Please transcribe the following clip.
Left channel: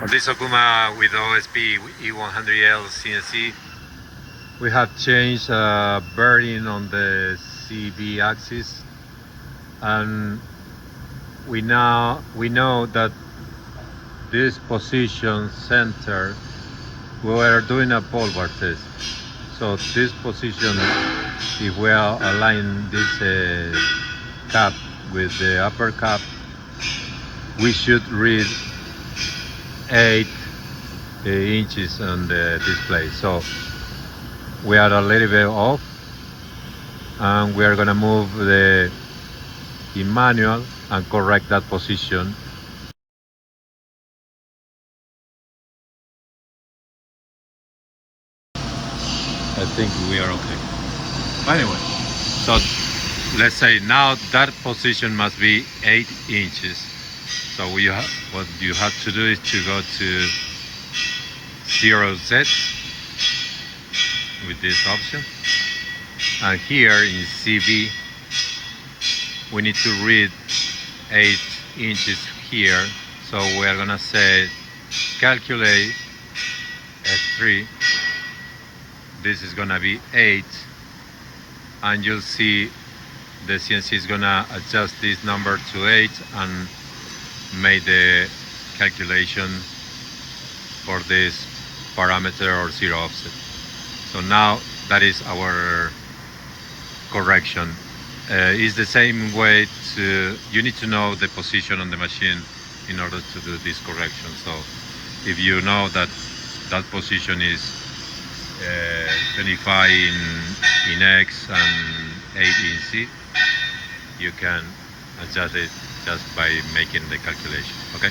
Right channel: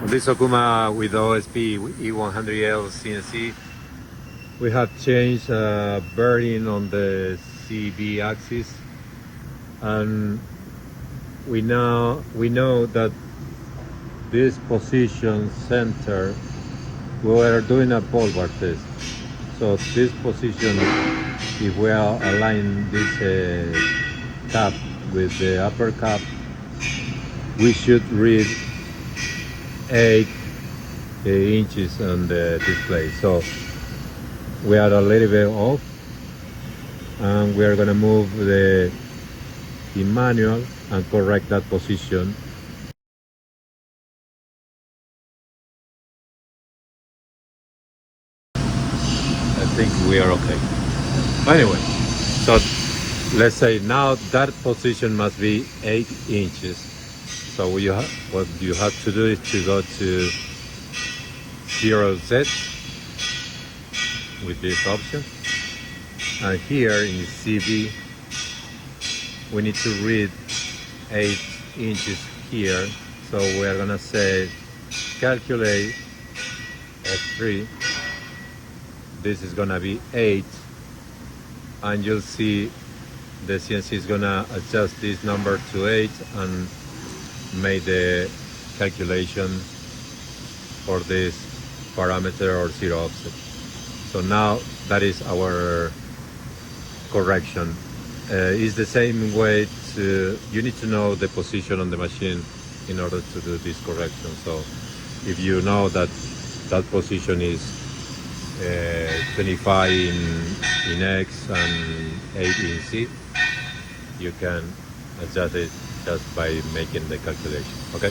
On this Okuma with OSP-E100L CNC, we have changed bearing on the CV axis, and we know that this position center, we are doing a pole bar test. So this position, if we are align this cap with the upper cap, we should read 8 inches on the display. So we are a little bit off, and we are gonna move the manual and correct that position. I think we are okay. Anyway, so let's say now that position must be 8 inches. So what you have to do is to go to 0Z with this option, and here in CV we need to read 8 inches here. So we are gonna say calculate F3. This is gonna be 8, and you'll see the CNC is gonna adjust this number to 8 and make the calculation for this parameter or zero offset. So now that is our correction. It's the same way you need to know the position on the machine in order to do this correction. So if you know that that position is 25 in X and 8 in C, you can adjust it just by making the calculation. Okay.